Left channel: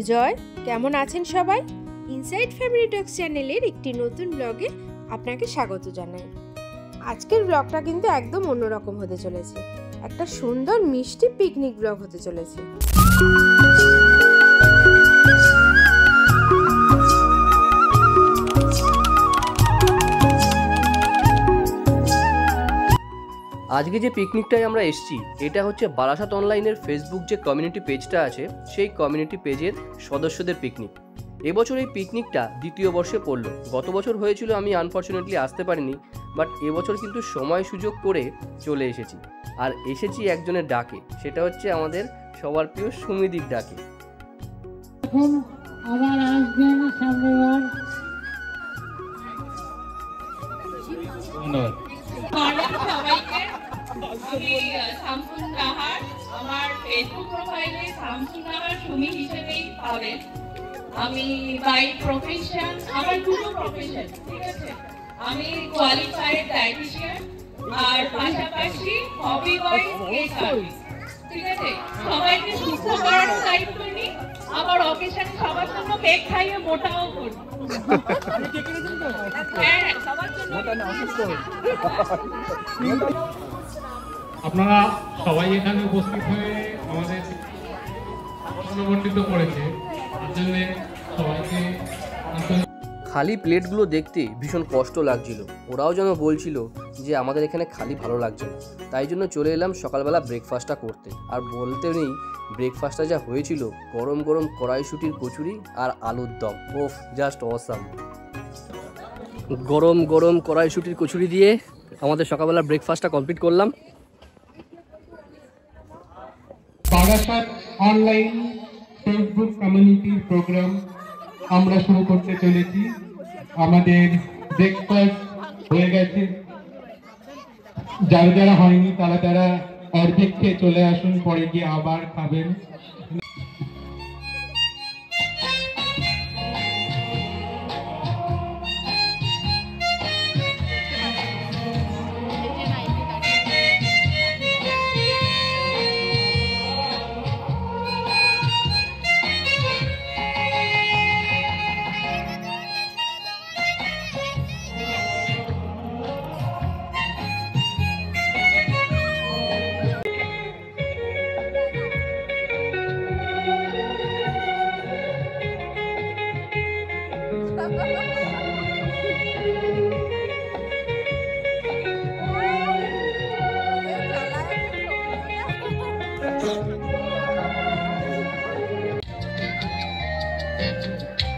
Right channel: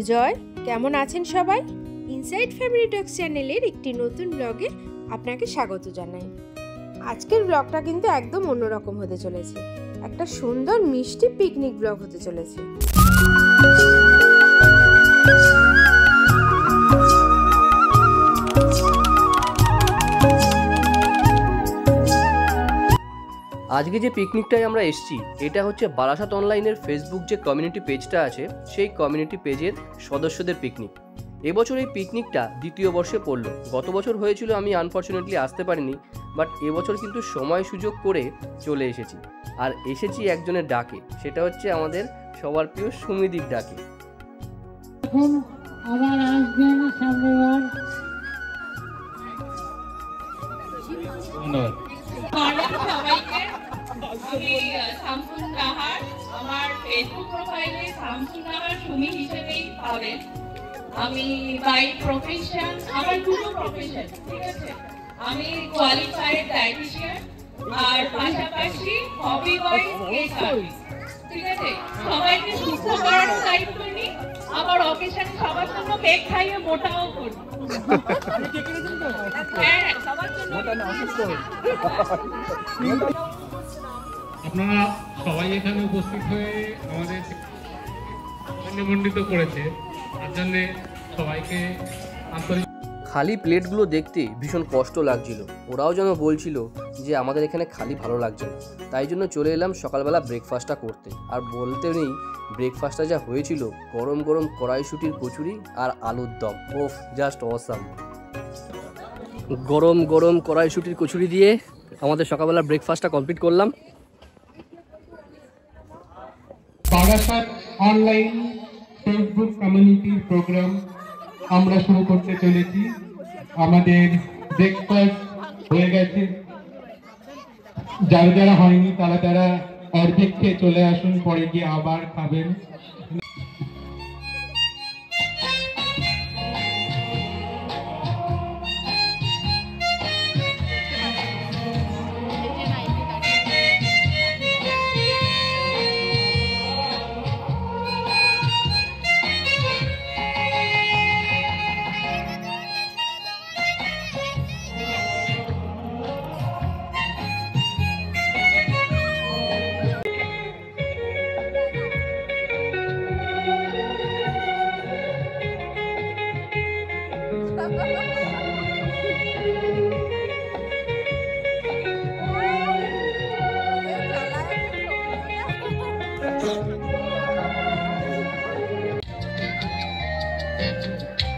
সুজয়, কেমন আছেন সবাই? ইনসাইড ফ্যামিলি টক্স চ্যানেলের একটি নতুন ব্লগে আপনাকে স্বাগত জানাই। আজকের ব্লগটা কিন্তু একদম অন্যরকম হতে চলেছে। একটা সুন্দর মিষ্টি পিকনিক ব্লগ হতে চলেছে। আজকে যে পিকনিকটায় আমরা এসেছি এটা হচ্ছে বারাসাত অনলাইনের ফেসবুক যে কমিউনিটি পেজটা আছে সেই কমিউনিটি পেজের সদস্যদের পিকনিক। এবছর এই পিকনিকটা দ্বিতীয় বর্ষে পড়লো। গত বছর হয়েছিল, আমি আনফর্চুনেটলি আসতে পারিনি, বাট এবছর কিন্তু সময় সুযোগ করে চলে এসেছি। আর এসেছি একজনের ডাকে, সেটা হচ্ছে আমাদের সবার প্রিয় সুমিদির ডাকে। এখন আবার আসবেন সামনেবার। ধন্যবাদ সবাইকে। আমি শামসুন নাহার, আমার ফেসবুক প্রোফাইলে শামসুন নাহার সুমি হিসেবেই পাবেন। আমি বাই প্রফেশন, আমার দুটো প্রফেশন, ঠিক আছে। আমি কোয়ালিফাইড ডায়েটিশিয়ান আর পাশাপাশি হবি ওয়াইজ কেক আর্টিস্ট, ঠিক আছে। সবাইকে সুস্থ করার দায়িত্ব নিই, আবার অকেশনে সবার জন্য কেক খাইয়ে মোটাও করি। আপনারা সবাই এখানে উপস্থিত হয়ে আমাদের নিমন্ত্রিত করেছে, আসলে সবাইকে আন্তরিক। খালি প্লেটগুলো দেখতে ভীষণ কষ্ট লাগছিল। ওরাও যেন বলছিল যে আমাদের এখানে খালি ভালো লাগছে না। তাই জন্য চলে এলাম সকালবেলা ব্রেকফাস্টটা করতে। আর বলতে নেই, ব্রেকফাস্টটা যা হয়েছিল, গরম গরম কড়াইশুঁটির কচুরি আর আলুর দম, ওফ, জাস্ট অসাম। গরম গরম কড়াইশুঁটির কচুরি দিয়ে আমাদের সকালবেলা ব্রেকফাস্টটা কমপ্লিট করলাম। বারাসাত অনলাইন ফেসবুক কমিউনিটির প্রোগ্রাম আমরা শুরু করতে চলেছি। আমাদের ব্রেকফাস্ট হয়ে গেছে, যারা যারা হয়নি তারা অর্ধেক খেয়ে চলে আসুন, পরে গিয়ে আবার খাবেন।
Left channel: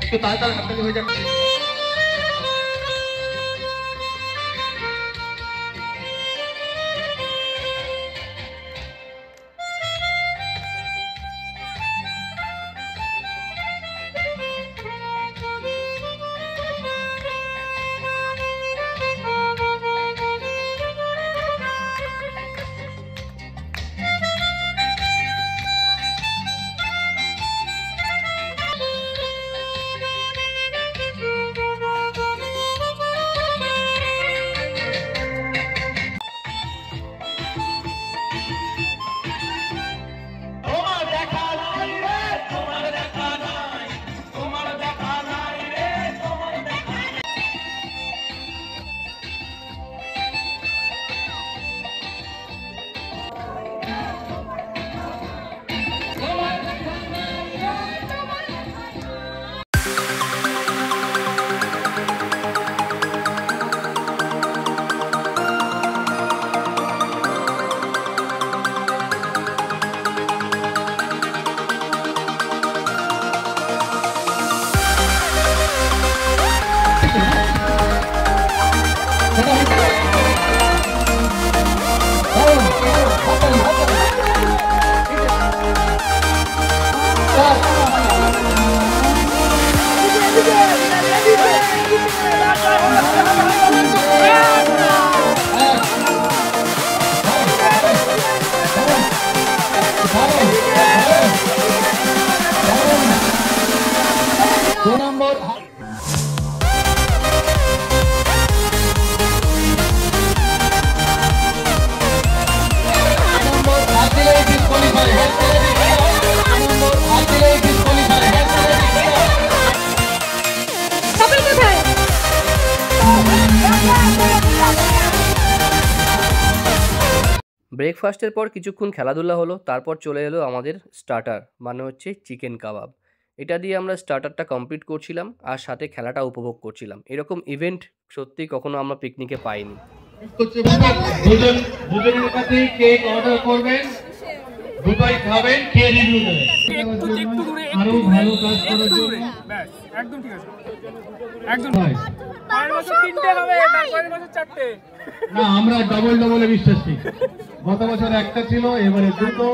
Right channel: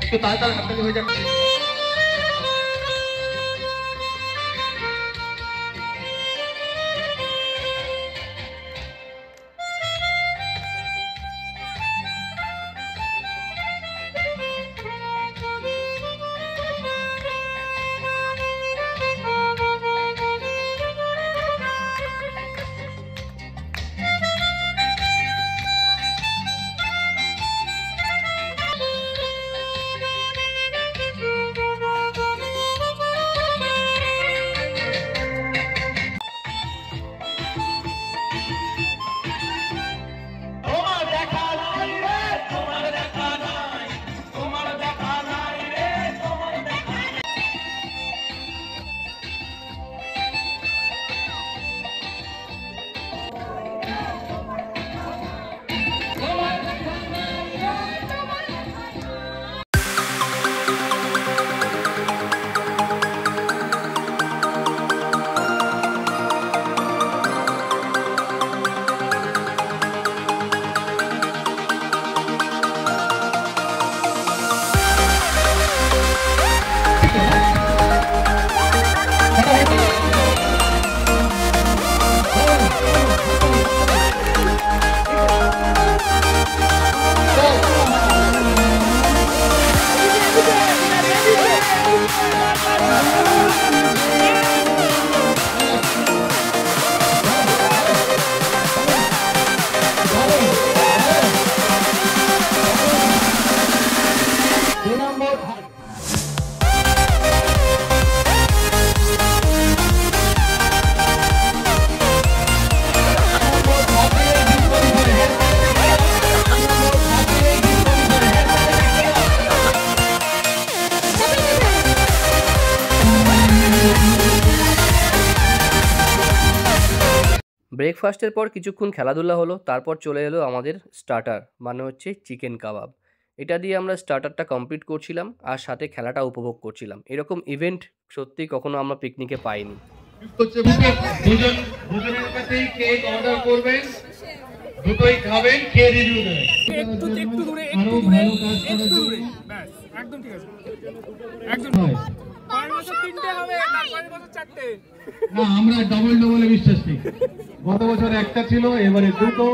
একটু তাড়াতাড়ি হাততালি হয়ে যাবে। ব্রেকফাস্টের পর কিছুক্ষণ খেলাধুলা হলো, তারপর চলে এলো আমাদের স্টার্টার, মানে হচ্ছে চিকেন কাবাব। এটা দিয়ে আমরা স্টার্টারটা কমপ্লিট করছিলাম আর সাথে খেলাটা উপভোগ করছিলাম। এরকম ইভেন্ট সত্যি কখনো আমরা পিকনিকে পাইনি। দুজনের কাছেই কেক অর্ডার করবেন, দুটোই খাবেন, খেয়ে রিভিউ দেবেন। আরো ভালো কাজ করার জন্য একদম ঠিক আছে, একদম পরের বছর 3টে হবে, তারপরের বছর 4টে। না, আমরা ডবলে বিশ্বাসী। গত বছর একটা ছিল, এবারে দুটো।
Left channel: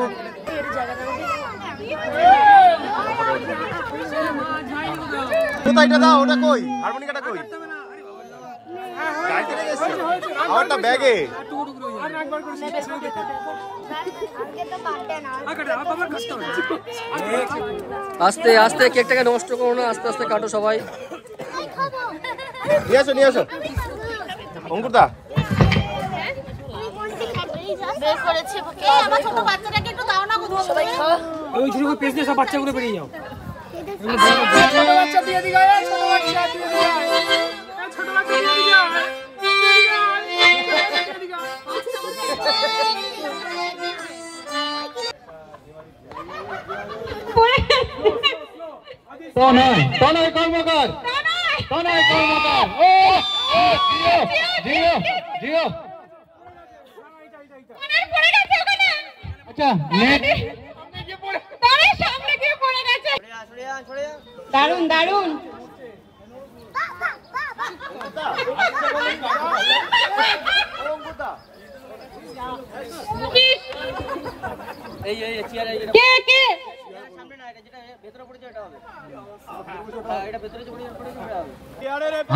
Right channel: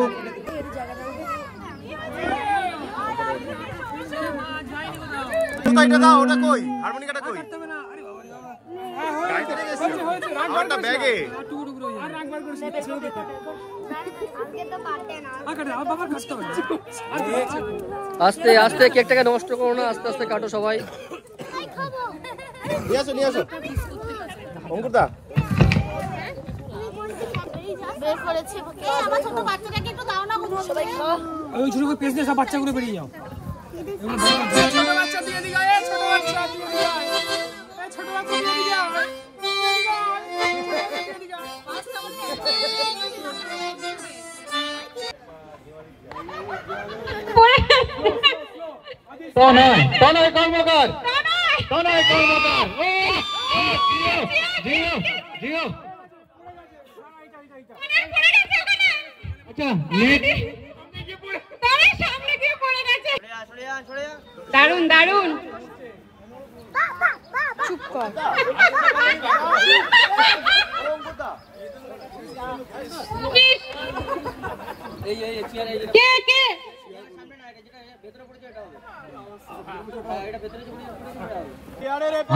কোথায়টা দাও, ওটা কই? হারমোনিকাটা কই? আমারটা ব্যাগে। আস্তে আস্তে কেকটাকে নষ্ট করো না, আস্তে আস্তে কাটো সবাই। নিয়ে আসো অঙ্কুরদা। বাচ্চাগুলো বেরিয়ে যাও। তনয় কর্মকার, জিও। আচ্ছা, দারুন দারুন।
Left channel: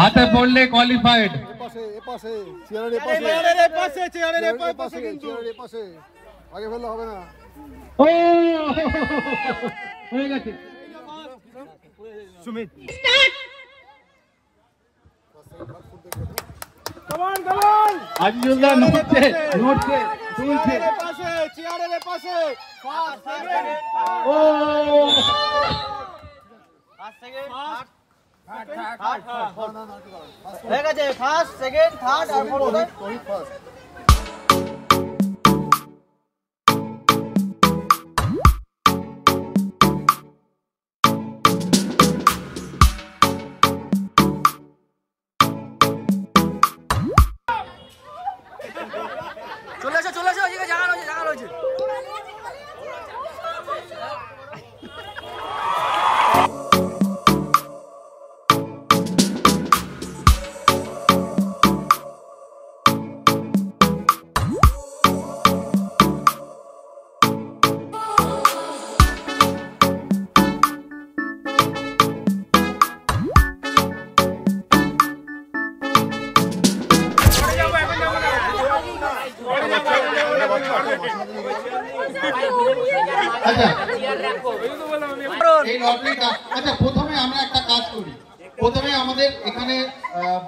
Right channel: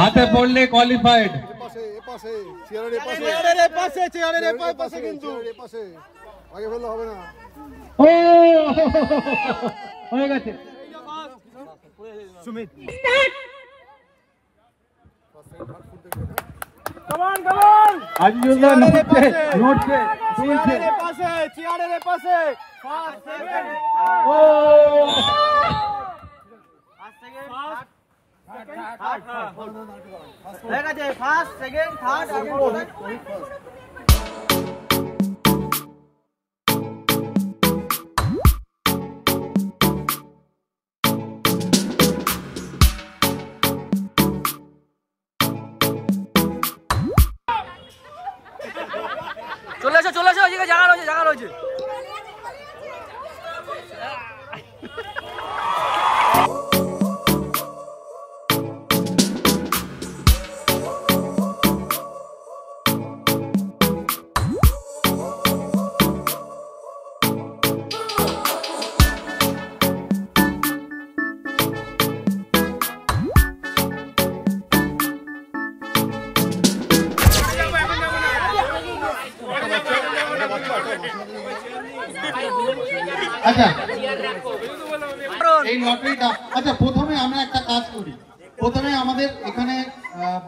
হাতে পড়লে কোয়ালিফাইড। আগে বললে হবে না। হয়ে গেছে। সুমিত আজিজুল্লাহ নড়ছে। চেয়ারের পাশে হয়ে গেছে, ফার্স্ট সেকেন্ড থার্ড আর ফার্স্ট। চলে আসো, ওইদিকে জায়গা রয়েছে। আচ্ছা, এই লটারিটা, আচ্ছা প্রথমে আমরা একটা কাজ করি। প্রথমে আমাদের এখানে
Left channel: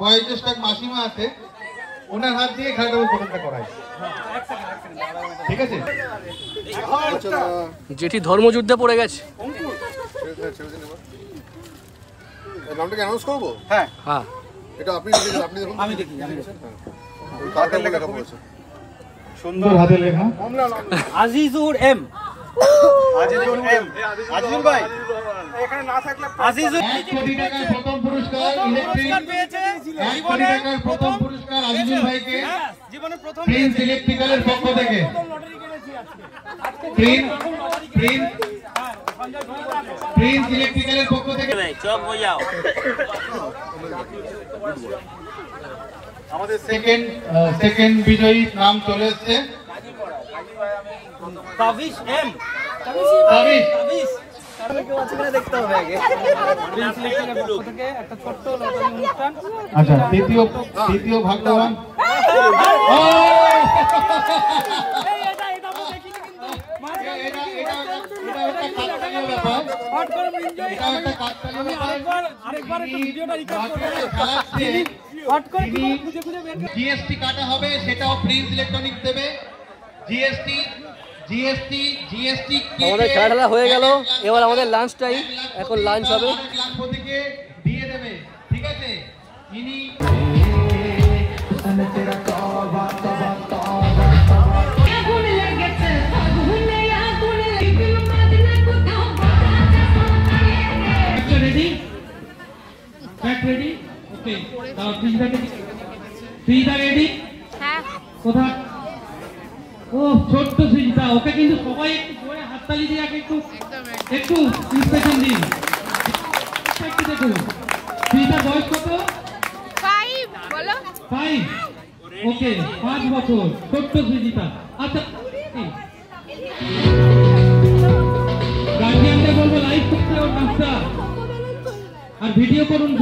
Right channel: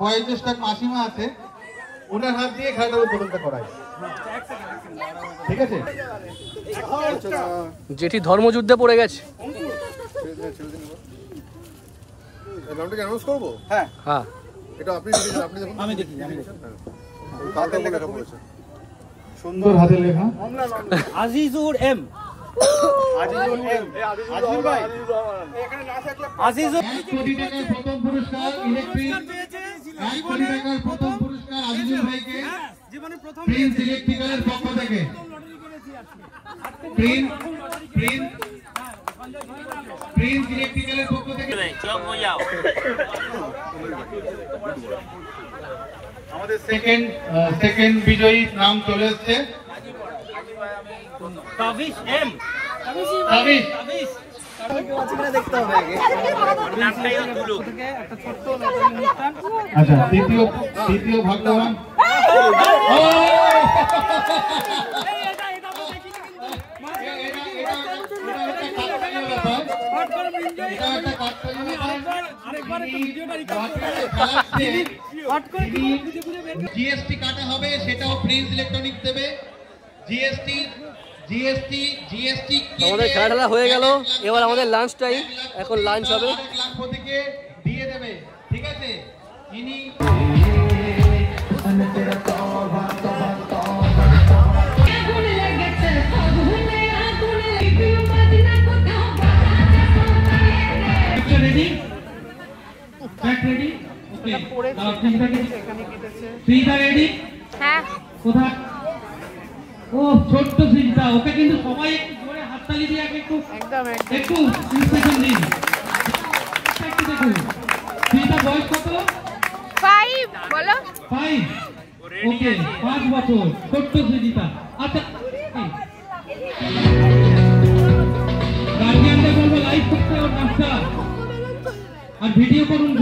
বয়োজ্যেষ্ঠ এক মাসিমা আছে, ওনার হাত দিয়ে খেলাটার উদ্বোধনটা করাই, ঠিক আছে? যেটি ধর্মযুদ্ধে পড়ে গেছে। নামটাকে অ্যানাউন্স করবো? হ্যাঁ, এটা আপনি দেখুন। আমি দেখি। তাদের লেখা পড়েছে, সুন্দর হাতে লেখা। আজিজুর এম। আজিজুর ভাই এখানে না থাকলে আজিজুর 1 কোটি টাকার প্রথম পুরস্কার ইলেকট্রিক। 1 কোটি টাকার প্রথম পুরস্কার আজিজুল ভাইকে জীবনে প্রথম প্রিন্স ইলেকট্রিক্যালের পক্ষ থেকে। প্রিন্স ইলেকট্রিক্যালের পক্ষ থেকে চোখ বোঝাও। আমাদের সেকেন্ড বিজয়ী নাম চলে এসেছে, তাবিশ এম। তাবিশ। দেখতে হবে আগে। আচ্ছা, দ্বিতীয় ভাগ্যবান। জিএসটি কাটা হবে, সেটাও প্রিন্স ইলেকট্রনিক্স দেবে। জিএসটি আমাদের খেলাধুলা হয়ে গেল, এবার আমাদের লাঞ্চ টাইম। এখন লাঞ্চ হবে। দিয়ে দেবে, ঠিক আছে? ইনি ওকে দাও সৃজিতা রেডি হ্যাঁ কোথায় ও ছোট্ট সৃজিতা ওকে কিন্তু সবাই একটু জোরে হাততালি দিয়ে একটু ইন্সপিরেশন দিন একটু দেখুন সৃজিতার বয়স কত 5 বলো 5 ওকে 5 বছর ছোট্ট সৃজিতা আচ্ছা গার্জিয়ানদের বলবো লাইভ করতে ওর নাচটা আর ভিডিও করুন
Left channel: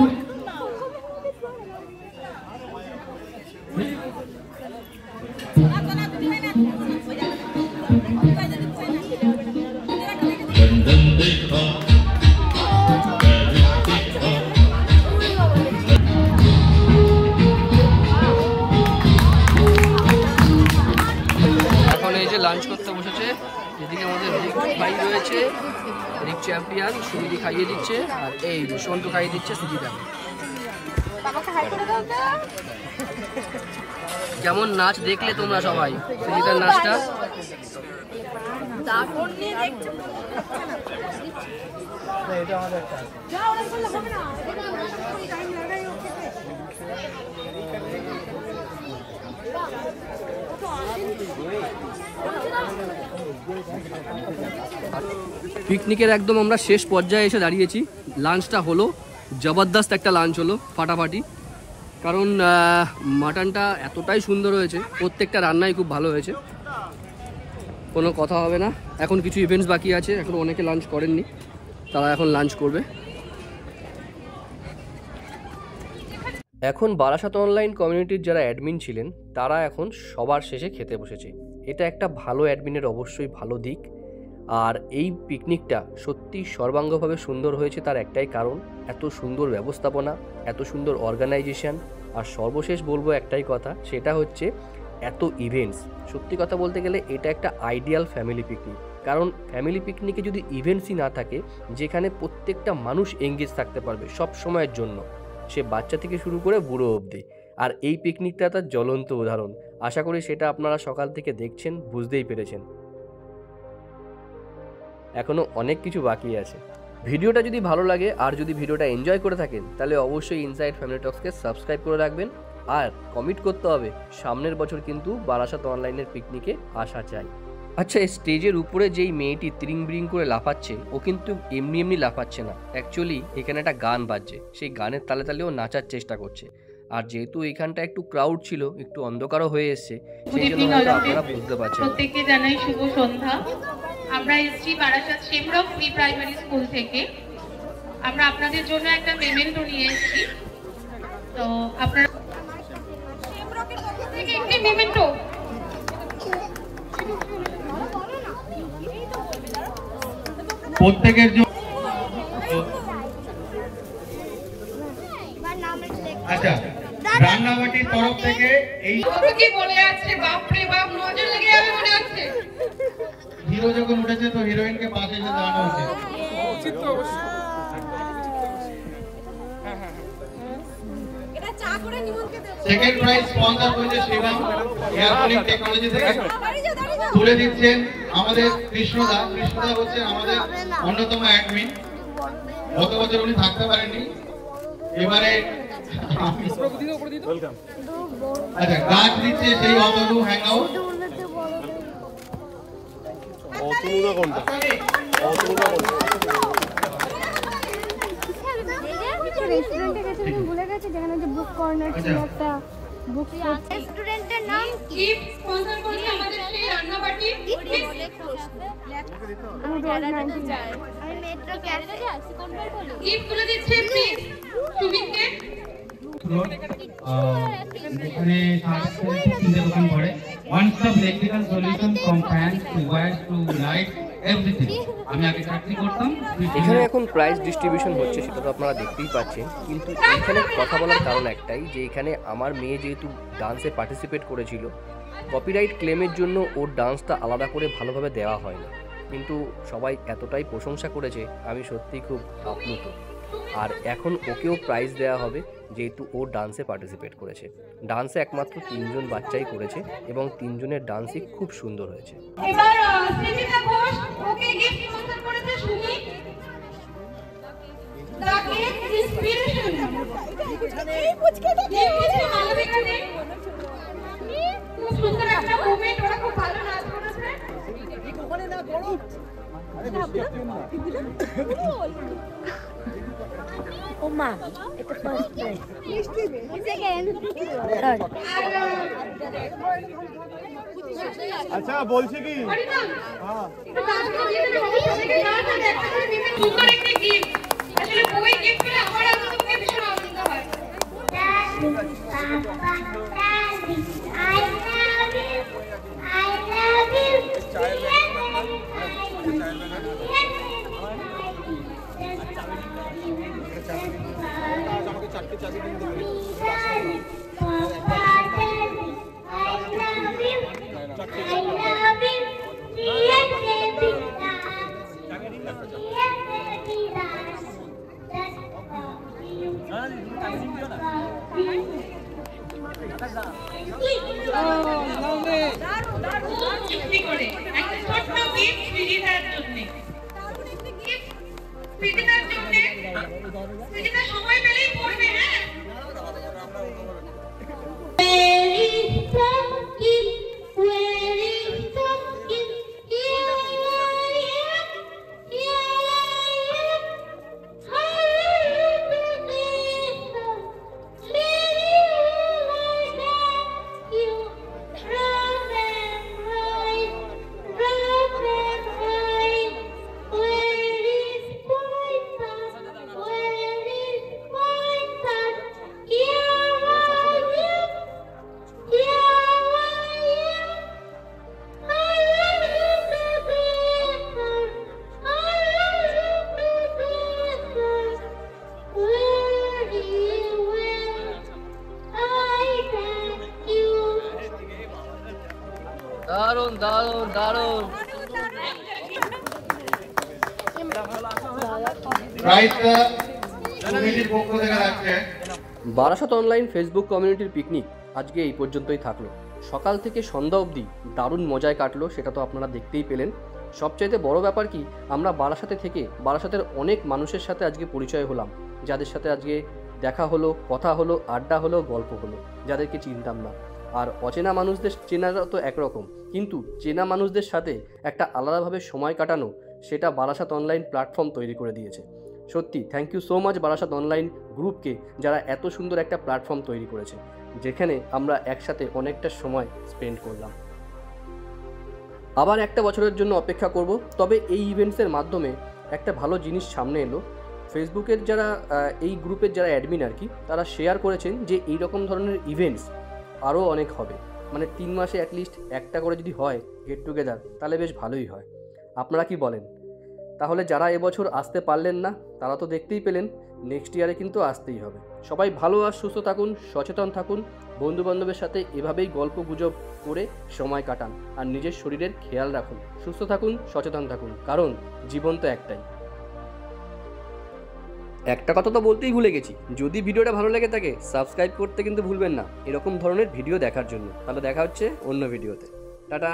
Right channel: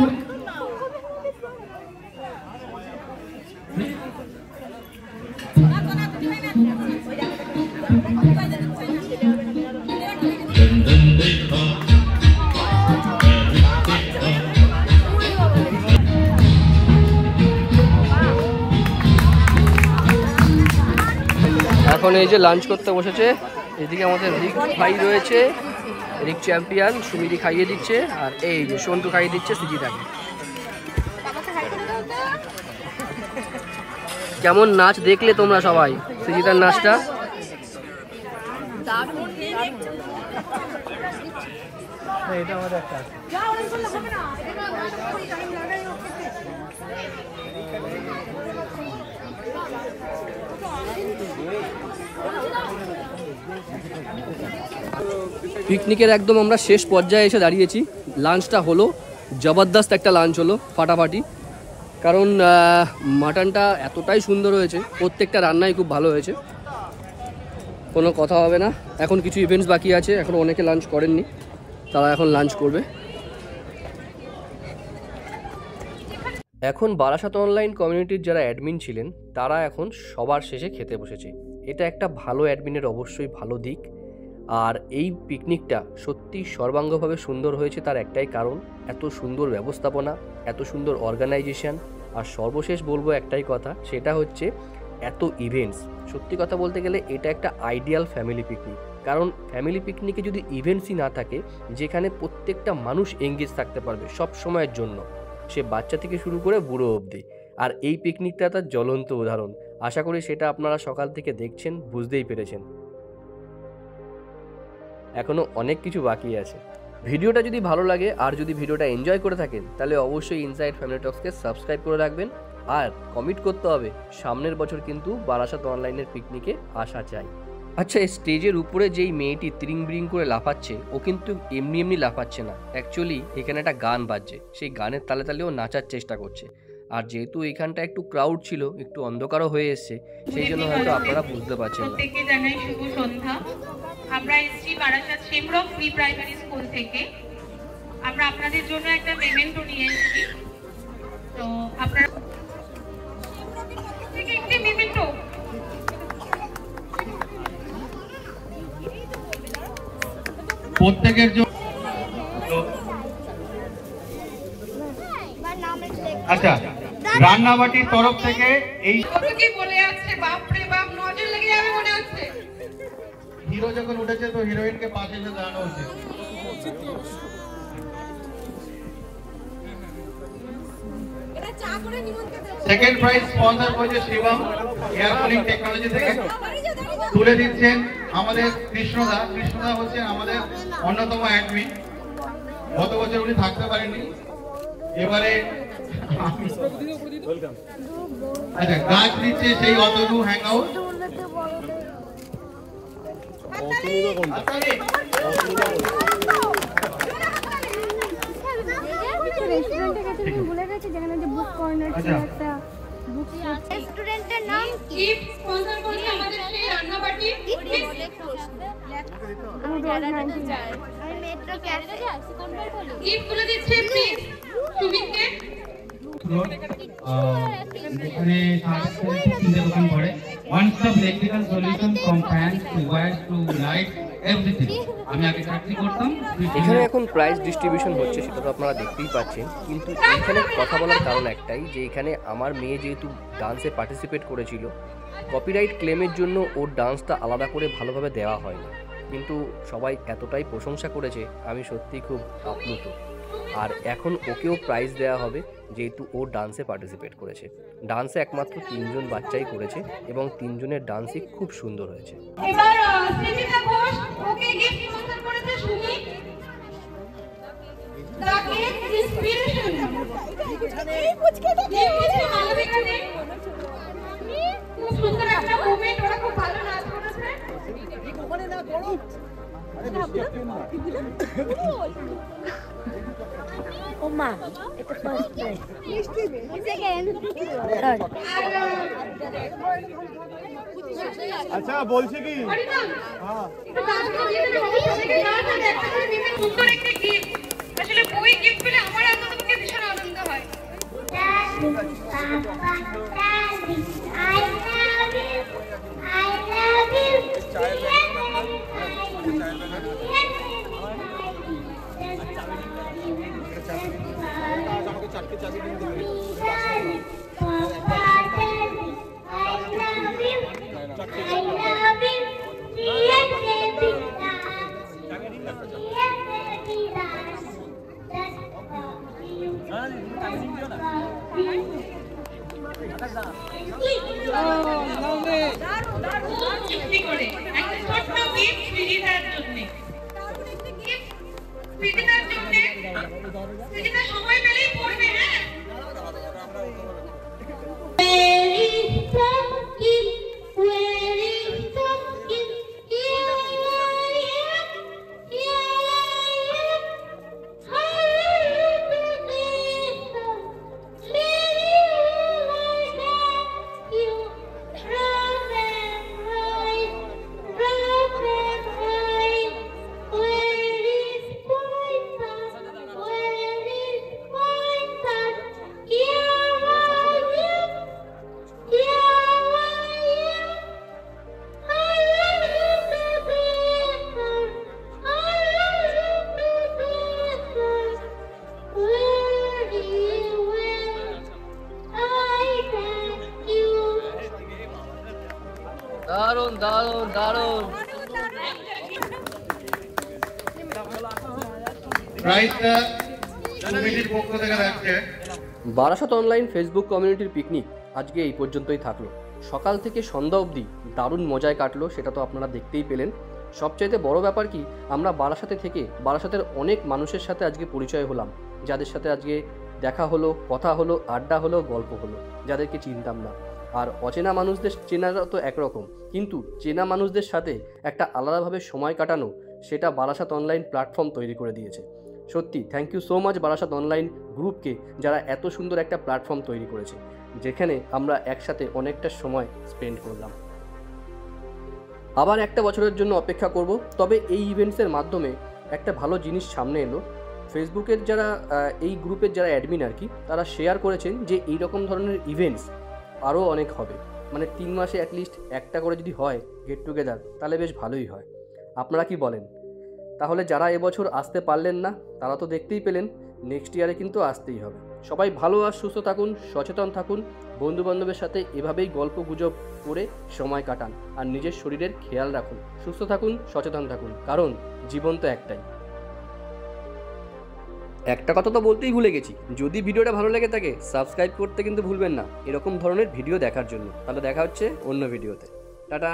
এখন এই যে লাঞ্চ করতে বসেছে, এদিকে আমাদের রিক ভাই রয়েছে, রিক চ্যাম্পিয়ন, সুমিদি খাইয়ে দিচ্ছে, আর এই যে সন্টু খাইয়ে দিচ্ছে সুজিতাকে। কেমন নাচ দেখলে তোমরা সবাই সুজিতার নাচটা? পিকনিকের একদম আমরা শেষ পর্যায়ে এসে দাঁড়িয়েছি। লাঞ্চটা হলো জবরদস্ত একটা লাঞ্চ হলো, ফাটাফাটি। কারণ মাটনটা এতটাই সুন্দর হয়েছে, প্রত্যেকটা রান্নাই খুব ভালো হয়েছে, কোনো কথা হবে না। এখন কিছু ইভেন্টস বাকি আছে, এখন অনেকে লাঞ্চ করেননি, তারা এখন লাঞ্চ করবে। এখন বারাসাত অনলাইন কমিউনিটির যারা অ্যাডমিন ছিলেন তারা এখন সবার শেষে খেতে বসেছে। এটা একটা ভালো অ্যাডমিনের অবশ্যই ভালো দিক। আর এই পিকনিকটা সত্যি সর্বাঙ্গভাবে সুন্দর হয়েছে, তার একটাই কারণ এত সুন্দর ব্যবস্থাপনা, এত সুন্দর অর্গানাইজেশন। আর সর্বশেষ বলবো একটাই কথা, সেটা হচ্ছে এত ইভেন্টস। সত্যি কথা বলতে গেলে এটা একটা আইডিয়াল ফ্যামিলি পিকনিক। কারণ ফ্যামিলি পিকনিকে যদি ইভেন্টসই না থাকে, যেখানে প্রত্যেকটা মানুষ এঙ্গেজ থাকতে পারবে সব সময়ের জন্য, সে বাচ্চা থেকে শুরু করে বুড়ো অবধি, আর এই পিকনিকটা তার জ্বলন্ত উদাহরণ। আশা করি সেটা আপনারা সকাল থেকে দেখছেন, বুঝতেই পেরেছেন। এখনও অনেক কিছু বাকি আছে। ভিডিওটা যদি ভালো লাগে আর যদি ভিডিওটা এনজয় করে থাকেন, তাহলে অবশ্যই ইনসাইড ফ্যামিলি টক্সকে সাবস্ক্রাইব করে রাখবেন। আর কমিট করতে হবে, সামনের বছর কিন্তু বারাসাত অনলাইনের পিকনিকে আসা চাই। আচ্ছা, এই স্টেজের উপরে যেই মেয়েটি ত্রিং ব্রিং করে লাফাচ্ছে, ও কিন্তু এমনি এমনি লাফাচ্ছে না। অ্যাকচুয়ালি এখানে একটা গান বাজছে, সেই গানের তালে তালে ও নাচার চেষ্টা করছে। আর যেহেতু এখানটা একটু ক্রাউড ছিল, একটু অন্ধকারও হয়ে এসছে, সেই জন্য হয়তো আপনারা বুঝতে পারছেন না। প্রত্যেককে জানাই শুভ সন্ধ্যা। আমরা এসেছি বারাসাত শিবরক প্রি প্রাইমারি স্কুল থেকে। আমরা আপনাদের জন্য একটা পেমেন্ট নিয়ে এসেছি। তো আপনারা শিবরকের পক্ষ থেকে একটি পেমেন্ট প্রত্যেকের জন্য। আচ্ছা, রান্নাবাটির তরফ থেকে এই কি বলে আছে, বাপ রে বাপ, নজর লেগে যাবে মনে হচ্ছে। হিরো যখন উঠেছে তো হিরোইনকে পাশে এসে দাঁড়ানো উচিত। সেকেন্ড প্রাইজ স্পন্সর করেছে শিবম এয়ারফোনিং টেকনোলজি থেকে। তুলে দিচ্ছেন আমাদের কৃষ্ণদা। কৃষ্ণদা হচ্ছেন আমাদের অন্যতম অ্যাডমিন। গত বছর উনি থাকতে পারেননি, এবারে আচ্ছা গাছ দিচ্ছে সেই অতনু হ্যাংআউট। অতনুদা কোনটা? অতনুদা কোনটা? রেস্টুরেন্টে গেছে, তুমি ভুলে গেছো যেখানে যে বুক কর্নার ছিল একটা বুক রেস্টুরেন্টের নাম গিফট স্পন্সর করছে আমাদের সেই রান্নাবাটি। আমি রোজ 90 আমি মেট্রো ক্যাফে কোনবার বলি গিফট গুলো দিচ্ছে প্লিজ সুমিতকে। এখানে তিনটে দোকান পড়ে। One stop electrical solution from fan two wire two light everything. আমি আগে চাকরি করতাম। এখানে এখন প্রাইজ ডিস্ট্রিবিউশন হচ্ছে, সেটা তো আপনারা দেখতেই পাচ্ছেন। কিন্তু এখানে কথা বলার কারণ একটাই, যে এখানে আমার মেয়ে যেহেতু ডান্সে পার্টিসিপেট করেছিল, কপিরাইট ক্লেমের জন্য ওর ডান্সটা আলাদা করে ভালোভাবে দেওয়া হয়নি। কিন্তু সবাই এতটাই প্রশংসা করেছে, আমি সত্যিই খুব আপ্লুত। আর এখন ওকেও প্রাইজ দেওয়া হবে, যেহেতু ও ডান্সে পার্টিসিপেট করেছে। ডান্সে একমাত্র 3 জন বাচ্চাই করেছে এবং 3 জনের ডান্সই খুব সুন্দর হয়েছে। এবার সৃজিতা ঘোষ, ওকে গিফট স্পন্সর করেছে সুমি। তাকে ইন্সপিরেশন মালবিকা দে খুব সুন্দর একটা মোমেন্ট, ওরা খুব ভালো নাচ করেছে। ও মা, এটা ফার্স্ট প্রাইজ, সেকেন্ড, থার্ড। আচ্ছা বলছি কি হ্যাঁ সুন্দর একটা গিফট, আসলে ওই গিফট পেলে আমার আনন্দকে ভীষণ আনন্দ হয়। আমাকে চারটে চাবি কিনতে হবে। সময় পেলেই পড়বে। হ্যাঁ দারুণ দারুণ দারুণ। প্রাইজটা কমিটির পক্ষ থেকে রাখছে। বারাসাত অনলাইন ফেসবুক কমিউনিটির পিকনিক আজকে এই পর্যন্তই থাকলো। সকাল থেকে সন্ধ্যা অবধি দারুণ মজায় কাটলো, সেটা তো আপনারা দেখতেই পেলেন। সবচাইতে বড় ব্যাপার কি, আমরা বারাসাতে থেকে বারাসাতের অনেক মানুষের সাথে আজকে পরিচয় হলাম, যাদের সাথে আজকে দেখা হলো, কথা হলো, আড্ডা হলো, গল্প হলো, যাদেরকে চিনতাম না। আর অচেনা মানুষদের চেনাটা তো একরকম, কিন্তু চেনা মানুষদের সাথে একটা আলাদাভাবে সময় কাটানো, সেটা বারাসাত অনলাইন প্ল্যাটফর্ম তৈরি করে দিয়েছে। সত্যি thank you so much Barasat online গ্রুপকে, যারা এত সুন্দর একটা প্ল্যাটফর্ম তৈরি করেছে, যেখানে আমরা একসাথে অনেকটা সময় স্পেন্ড করলাম। আবার একটা বছরের জন্য অপেক্ষা করব। তবে এই ইভেন্টসের মাধ্যমে একটা ভালো জিনিস সামনে এলো। ফেসবুকের যারা এই গ্রুপের যারা অ্যাডমিন আর কি, তারা শেয়ার করেছেন যে এই রকম ধরনের ইভেন্টস আরও অনেক হবে। মানে 3 মাসে অ্যাটলিস্ট একটা করে যদি হয় গেট টুগেদার, তাহলে বেশ ভালোই হয়। আপনারা কি বলেন? তাহলে যারা এবছর আসতে পারলেন না, তারা তো দেখতেই পেলেন, নেক্সট ইয়ারে কিন্তু আসতেই হবে। সবাই ভালো আর সুস্থ থাকুন, সচেতন থাকুন, বন্ধুবান্ধবের সাথে এভাবেই গল্প গুজব করে সময় কাটান, আর নিজের শরীরের খেয়াল রাখুন। সুস্থ থাকুন, সচেতন থাকুন, কারণ জীবন তো একটাই। একটা কথা তো বলতেই ভুলে গেছি, যদি ভিডিওটা ভালো লেগে থাকে সাবস্ক্রাইব করতে কিন্তু ভুলবেন না, এরকম ধরনের ভিডিও দেখার জন্য। তাহলে দেখা হচ্ছে অন্য ভিডিওতে। টাটা।